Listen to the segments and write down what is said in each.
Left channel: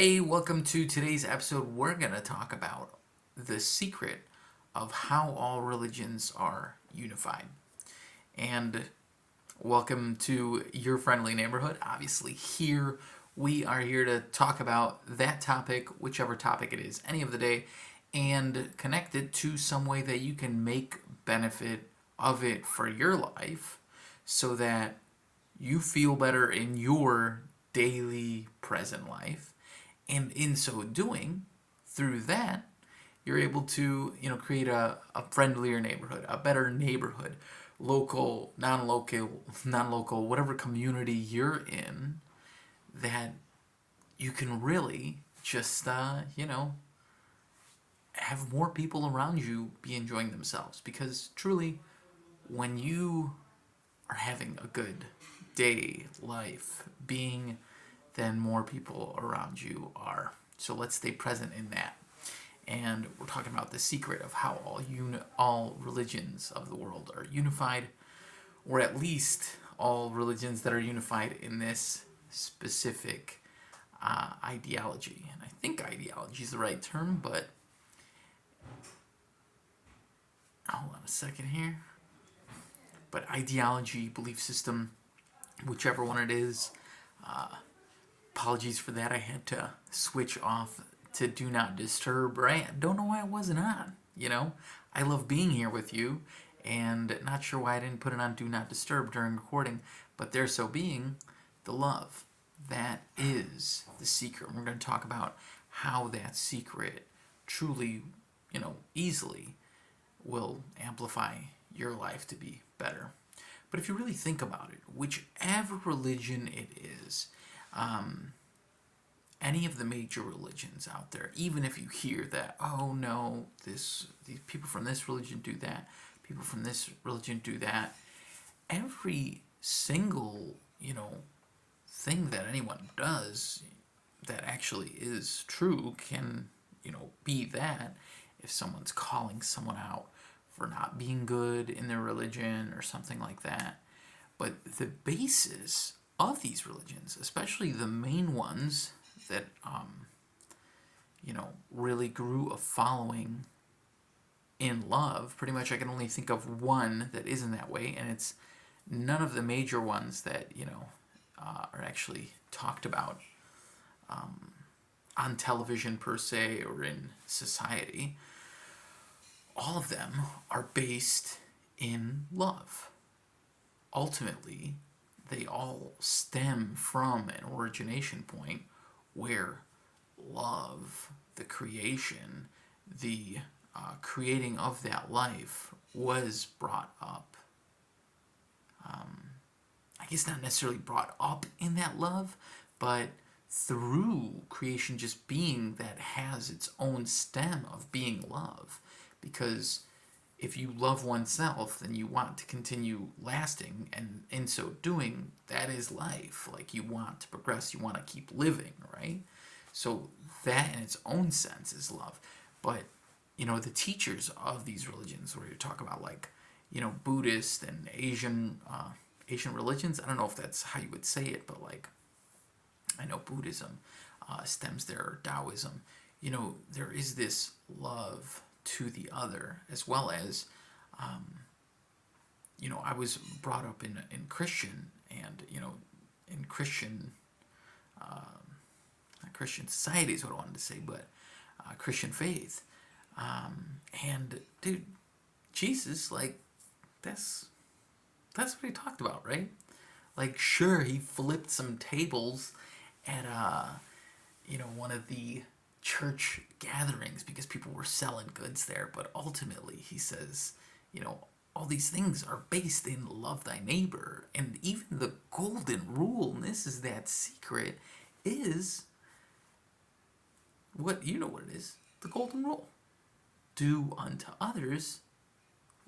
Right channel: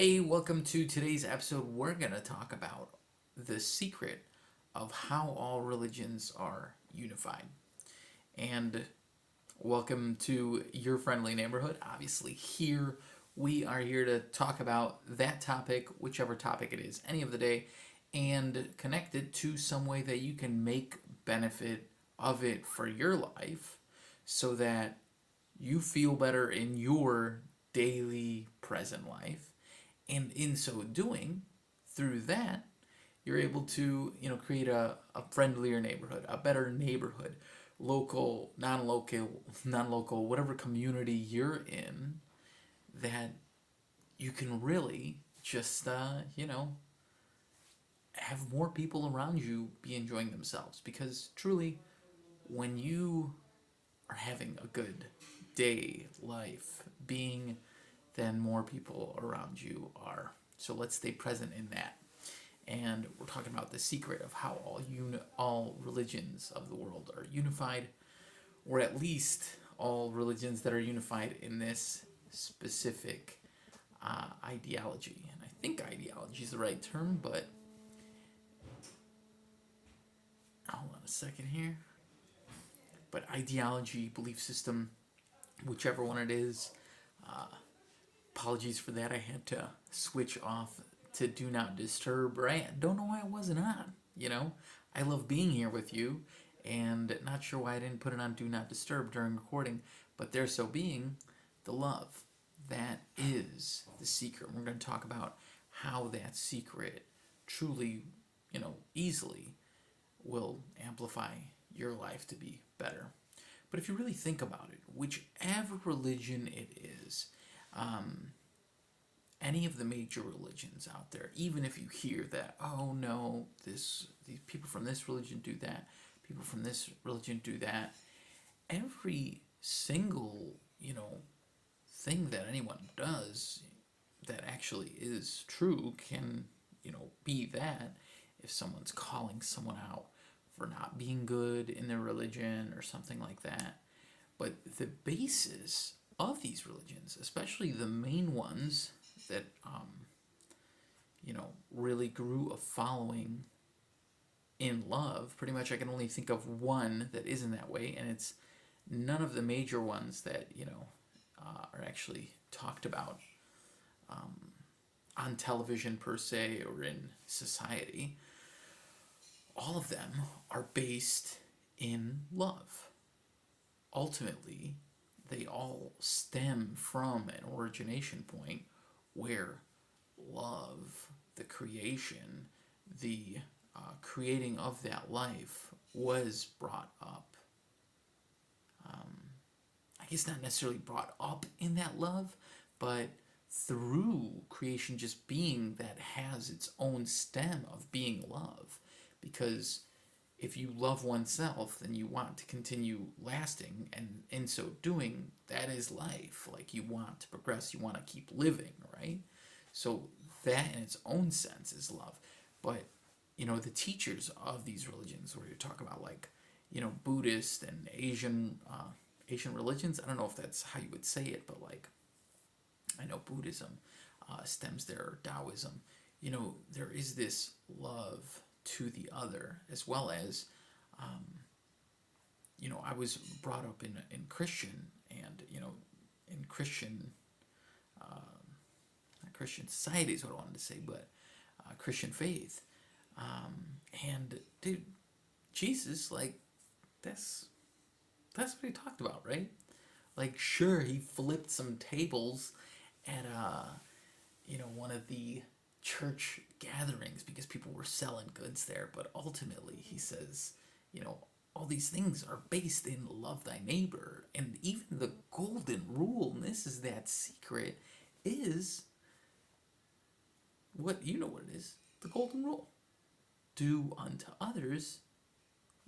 Hey, welcome to today's episode. We're going to talk about the secret of how all religions are unified. And welcome to your friendly neighborhood. Obviously, we are here to talk about that topic, whichever topic it is, any of the day, and connect it to some way that you can make benefit of it for your life so that you feel better in your daily present life, and in so doing, through that, you're able to create a friendlier neighborhood, a better neighborhood, local, non-local, whatever community you're in, that you can really just have more people around you be enjoying themselves. Because truly, when you are having a good day, life, being, then more people around you are. So let's stay present in that. And we're talking about the secret of how all religions of the world are unified, or at least all religions that are unified in this specific ideology. And I think ideology is the right term, but hold on a second here. But ideology, belief system, whichever one it is. Apologies for that. I had to switch off to do not disturb. Right? Don't know why it wasn't on. I love being here with you, and not sure why I didn't put it on do not disturb during recording. But there so being, the love that is the secret. We're going to talk about how that secret truly, easily will amplify your life to be better. But if you really think about it, whichever religion it is, any of the major religions out there, even if you hear that, oh no, these people from this religion do that, people from this religion do that, every single, thing that anyone does that actually is true can, be that if someone's calling someone out for not being good in their religion or something like that. But the basis of these religions, especially the main ones that really grew a following in love. Pretty much, I can only think of one that isn't that way, and it's none of the major ones that are actually talked about on television per se or in society. All of them are based in love. Ultimately, they all stem from an origination point where love, the creation, the creating of that life was brought up. I guess not necessarily brought up in that love, but through creation just being that has its own stem of being love. Because if you love oneself, then you want to continue lasting, and in so doing, that is life. Like, you want to progress, you want to keep living, right? So that in its own sense is love. But the teachers of these religions, where you talk about, like, Buddhist and Asian religions. I don't know if that's how you would say it, but, like, I know Buddhism stems there, or Taoism. There is this love to the other, as well as I was brought up in Christian, and in Christian not Christian society is what I wanted to say, but Christian faith. And dude, Jesus, like, that's what he talked about, right? Like, sure, he flipped some tables at one of the church gatherings because people were selling goods there, but ultimately he says, all these things are based in love thy neighbor. And even the golden rule, and this is that secret, is what it is, the golden rule. Do unto others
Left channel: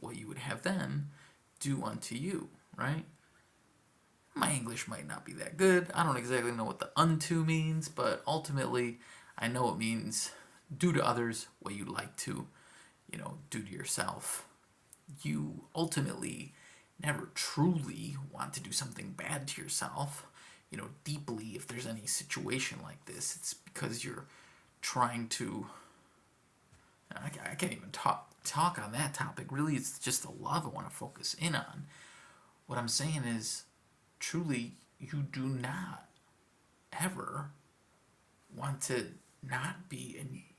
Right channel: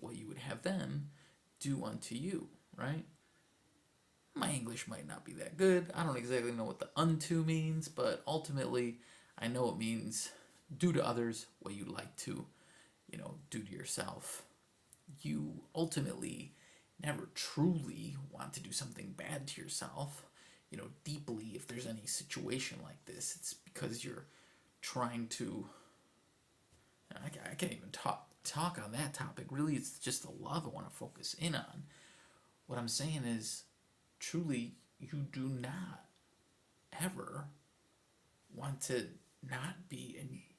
what you would have them do unto you, right? My English might not be that good. I don't exactly know what the unto means, but ultimately I know it means do to others what you'd like to, do to yourself. You ultimately never truly want to do something bad to yourself. deeply if there's any situation like this. It's because you're trying to. I can't even talk on that topic. Really, it's just the love I want to focus in on. What I'm saying is, truly, you do not ever want to not be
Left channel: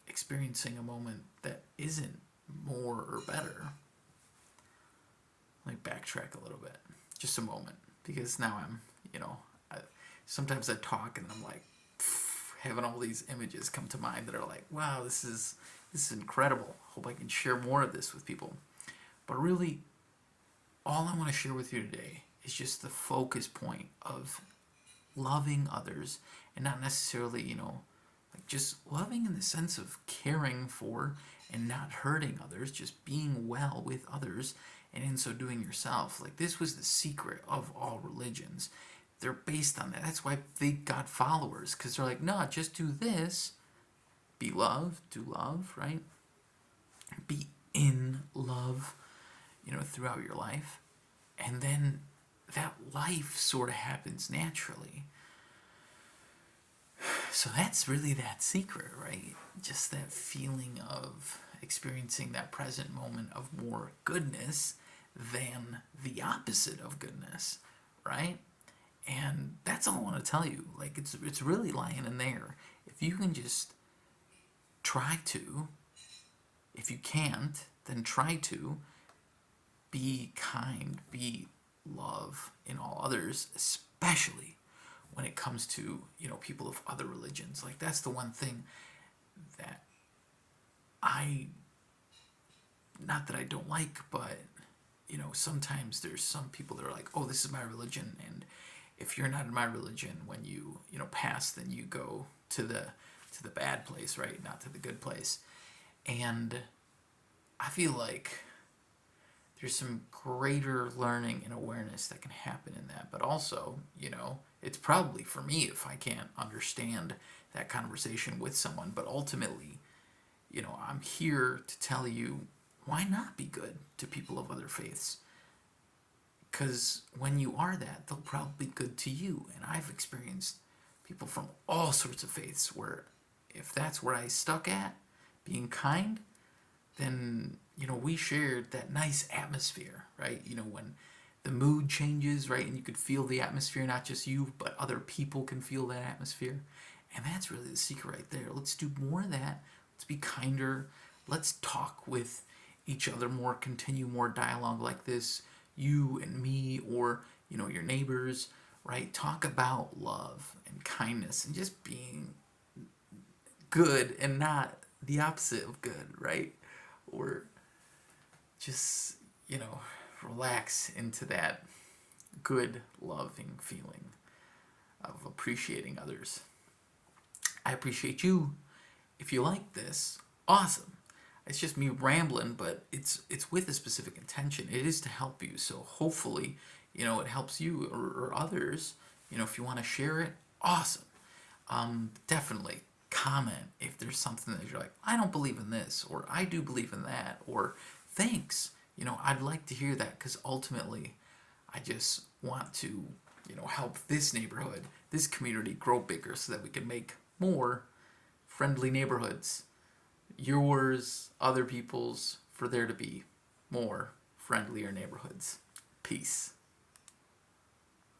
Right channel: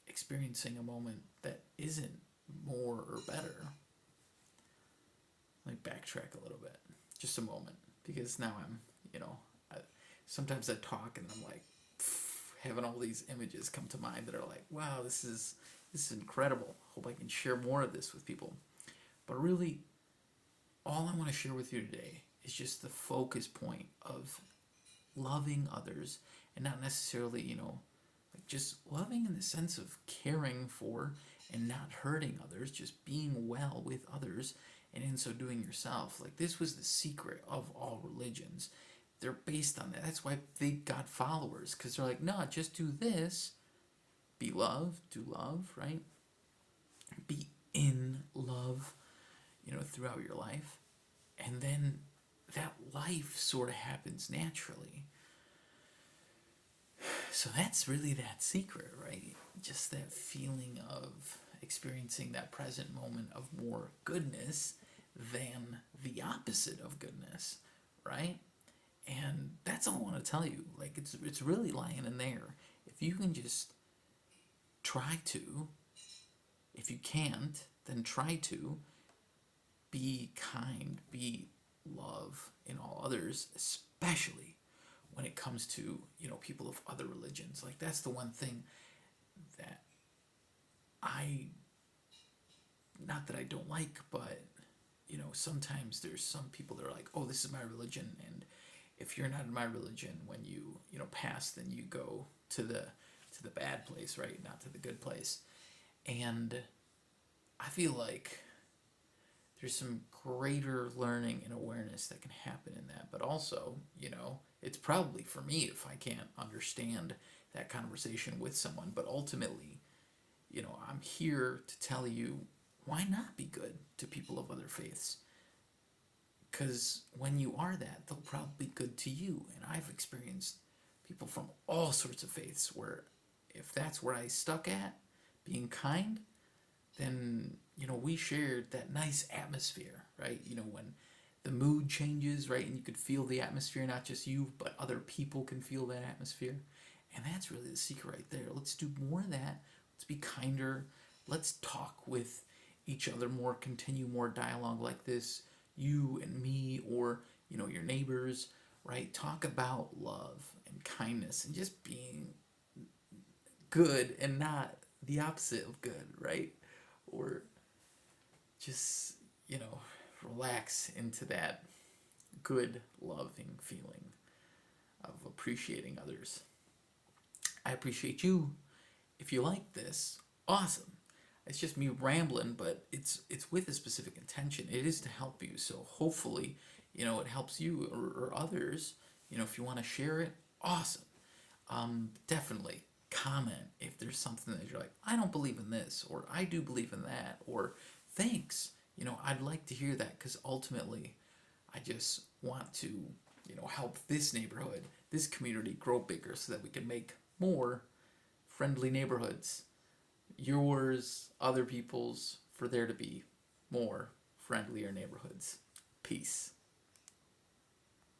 experiencing a moment that isn't more or better. Let me backtrack a little bit, just a moment, because now I, sometimes I talk and I'm like having all these images come to mind that are like, wow, this is incredible. Hope I can share more of this with people. But really, all I want to share with you today is just the focus point of loving others, and not necessarily, like just loving in the sense of caring for and not hurting others, just being well with others, and in so doing yourself. Like, this was the secret of all religions. They're based on that. That's why they got followers, because they're like, no, just do this. Be love, do love, right? Be in love, throughout your life. And then that life sort of happens naturally. So that's really that secret, right? Just that feeling of experiencing that present moment of more goodness than the opposite of goodness, right? And that's all I want to tell you. Like, it's really lying in there. If you can just try to, if you can't, then try to be kind, be love in all others, especially when it comes to, people of other religions. Like, that's the one thing that not that I don't like, but, sometimes there's some people that are like, oh, this is my religion, and if you're not in my religion, when you, pass, then you go to the bad place, right? Not to the good place. And I feel like there's some greater learning and awareness that can happen in that. But also, it's probably for me if I can't understand that conversation with someone. But ultimately, I'm here to tell you, why not be good to people of other faiths? Because when you are that, they'll probably be good to you. And I've experienced people from all sorts of faiths where if that's where I stuck at, being kind, then, we shared that nice atmosphere, right? When the mood changes, right? And you could feel the atmosphere, not just you, but other people can feel that atmosphere. And that's really the secret right there. Let's do more of that. Let's be kinder. Let's talk with each other more, continue more dialogue like this, you and me, or, your neighbors, right? Talk about love and kindness and just being good and not the opposite of good, right? Or just, relax into that good, loving feeling of appreciating others. I appreciate you. If you like this, awesome. It's just me rambling, but it's with a specific intention. It is to help you. So hopefully, it helps you or others. If you want to share it, awesome. Definitely comment if there's something that you're like, I don't believe in this, or I do believe in that, or thanks. I'd like to hear that, because ultimately, I just want to, help this neighborhood, this community grow bigger so that we can make more friendly neighborhoods. Yours, other people's, for there to be more friendlier neighborhoods. Peace.